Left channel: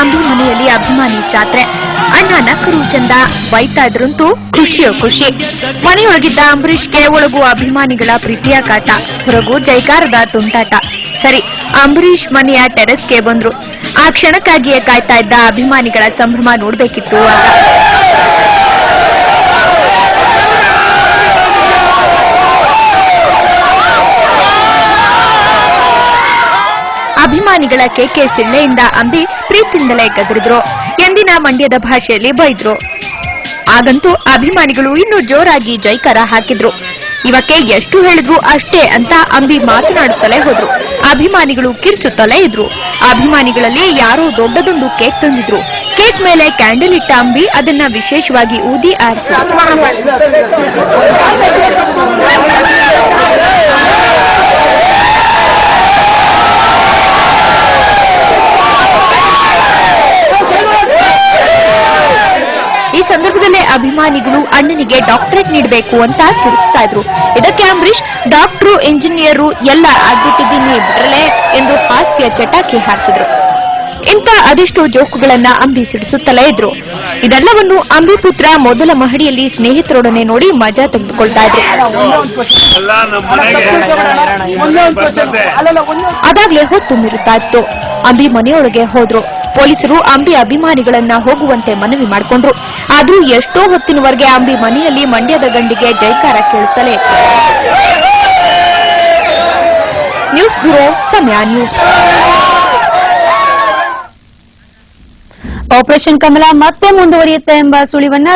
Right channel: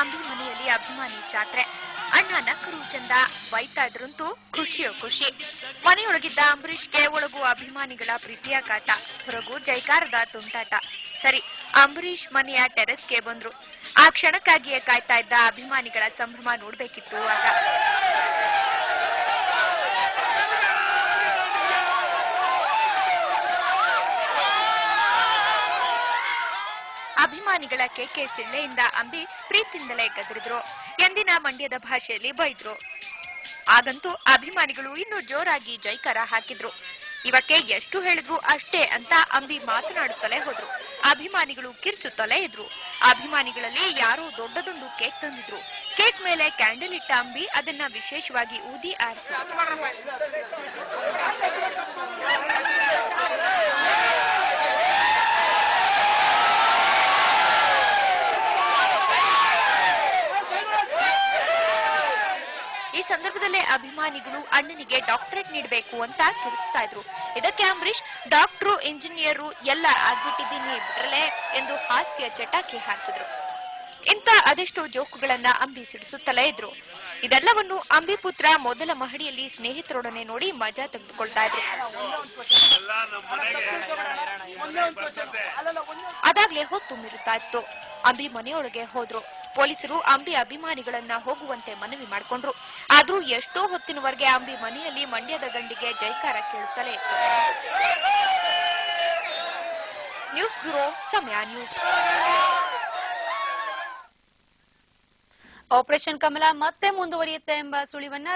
ಅಂಬಿ ಮನೆಯಲ್ಲಿ ಅಭಿಮಾನಿ ಜಾತ್ರೆ. ಅಣ್ಣ ನಕ್ಕರು ಚಂದ, ಬೈತಾ ಇದ್ರಂತೂ ಖುಷಿಯೋ ಖುಷಿ. ಮನೆಯೊಳಗಿದ್ದ ಅಂಬರೀಷ್ಗೆ ಒಳಗೂ ಅಭಿಮಾನಿಗಳ ಪ್ರೀತಿಯ ಕಾಟ, ಹೊರಗೂ ಜೈಕಾರದ ತುಂಟಾಟ. ಸರಿ, ಅಂಬರೀಷ್ ಮನೆಯ ಟೆರೆಸ್ಗೆ ಬಂದ್ರು. ಆ ಕ್ಷಣಕ್ಕಾಗಿಯೇ ಕಾಯ್ತಾ ಇದ್ದ ಅಭಿಮಾನಿಗಳ ಸಂಭ್ರಮ ನೋಡ್ಬೇಕಿತ್ತು ಆಗ. ಅಭಿಮಾನಿಗಳ ಕೇಕೆ ಸಿಳ್ಳೆಯಿಂದ ಅಂಬಿ ಪ್ರೀತಿಯಿಂದಲೇ ಗದರಿದ್ರು. ಎಂದಿನ ಮಂಡ್ಯದ ಭಾಷೆಯಲ್ಲಿ ಬೈದ್ರು. ಆಗಂತೂ ಅಭಿಮಾನಿಗಳು ಇನ್ನೂ ಜೋರಾಗಿ ಜೈಕಾರ ಹಾಕಿದ್ರು. ಇವಕ್ಕೆ ಎಷ್ಟು ಹೇಳಿದ್ರು ಅಷ್ಟೇ ಅಂತ ಅಂಬಿ ಮಾತನಾಡುತ್ತಲೇ ಹೋದ್ರು. ಅಭಿಮಾನಿಗಳು ಕಿರ್ಚುತ್ತಲೇ ಇದ್ರು. ಅಭಿಮಾನಿಗಳಲ್ಲಿ ಯಾರೋ ದೊಡ್ಡದೊಂದು ಕೇಕ್ ತಂದಿದ್ರು. ಕೇಕ್ ಮೇಲೆ ಕ್ಯಾಂಡಲ್ ಇಟ್ಟ ಅಂಬಿ ಅದನ್ನ ವಿಶೇಷವಾಗಿ ಊದಿ ಆರಿಸಿದ್ರು. ಈ ಸಂದರ್ಭದಲ್ಲೇ ಅಭಿಮಾನಿಗಳು ಅಣ್ಣನಿಗೆ ಡಾಕ್ಟರೇಟ್ ನೀಡಬೇಕು ಅಂತ ಕಿರುಚುತ್ತಾ ಇದ್ರು. ಇದಕ್ಕೆ ಅಂಬರೀಷ್ ಡಾಕ್ಟರು, ಇಂಜಿನಿಯರು ಎಲ್ಲ ಆಗ್ಬಿಟ್ಟಿದ್ದೀನಿ ಬಿಡ್ರಲೆ ಎಂದು ಹಾಸ್ಯ ಚಟಾಕಿ ಹಾರಿಸಿದ್ರು. ಇಂಥ ಅದೆಷ್ಟೋ ಜೋಕುಗಳನ್ನ ಅಂಬಿ ಸಿಡಿಸುತ್ತಲೇ ಇದ್ರು. ಇದೆಲ್ಲವನ್ನು ಅಂಬಿ ಪುತ್ರ ಮೊದಲ ಮಹಡಿಯಲ್ಲಿ ಸ್ನೇಹಿತರೊಡನೆ ನೋಡಿ ಮಜಾ ತೆಗೆದುಕೊಳ್ತಾ ಇದ್ರು. ಅದಾಗ್ಲೇ ಹೊತ್ತು ಮೀರುತ್ತಾ ಇತ್ತು. ಅಂಬಿ ಮನೆಯೊಳಗೆ ಹೋದ್ರು. ಪೊಲೀಸರು ಅಂಬಿ ಅಭಿಮಾನಿಗಳನ್ನ ಹೋಗುವಂತೆ ಮನವಿ ಮಾಡಿಕೊಂಡ್ರು. ಆದ್ರೂ ಎಷ್ಟೋ ಹೊತ್ತಿನವರೆಗೆ ಅಂಬಿ ಮನೆಯಲ್ಲಿ ಮಂಡ್ಯದ ಗಂಡಿಗೆ ಜೈಕಾರ ಕೇಳುತ್ತಲೇ ಇತ್ತು. ನ್ಯೂಸ್ ಬ್ಯೂರೋ, ಸಮಯ ನ್ಯೂಸ್. ಆಪರೇಷನ್ ಕಮಲ ಮತ್ತೆ ಮುಂದುವರಿಯುತ್ತೆ ಎಂಬ ಸುಳಿವನ್ನ